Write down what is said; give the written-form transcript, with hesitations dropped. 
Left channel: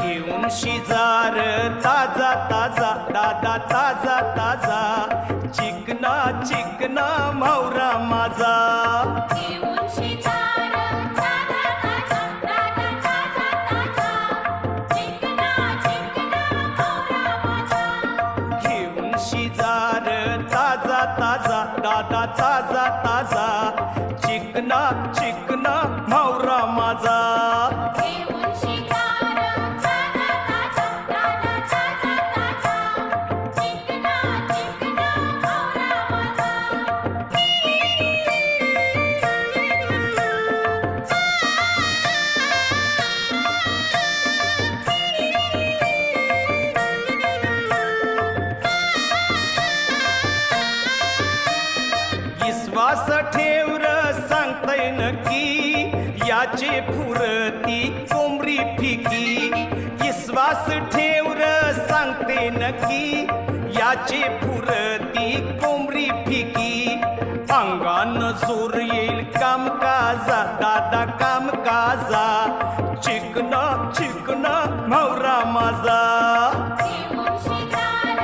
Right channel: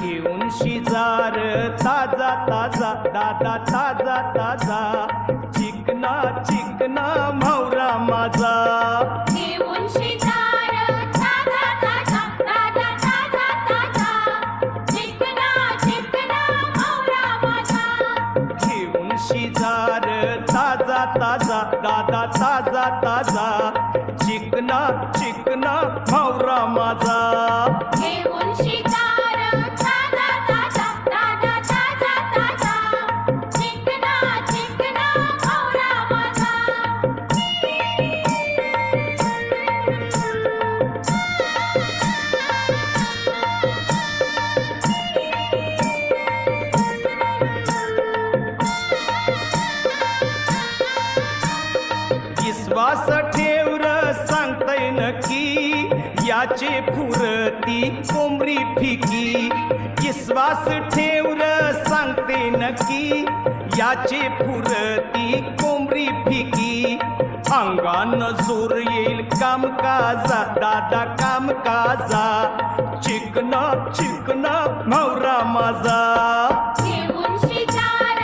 घेऊन शिजार ताजा ताजा दादा ताजा ताजा चिकना चिकना म्हावरा माझा घेऊन शिजार ताजा ताजा दादा ताजा ताजा चिकना चिकना म्हावरा माझा घेऊन शिजार ताजा ताजा दादा ताजा ताजा चिकना चिकना म्हावरा माझा घेऊन शिजार ताजा ताजा दादा ताजा ताजा चिकना चिकना म्हावरा माझा विश्वास ठेवर सांगतय नक्की याचे फुरती कोंबरी फिकी विश्वास ठेवर सांगते नक्की याचे फुरती कोंबरी फिकी अंगान जोर येईल कामकाजा दादा कामकाजा चिकना चिकना म्हावरा माझा घेऊन शिजार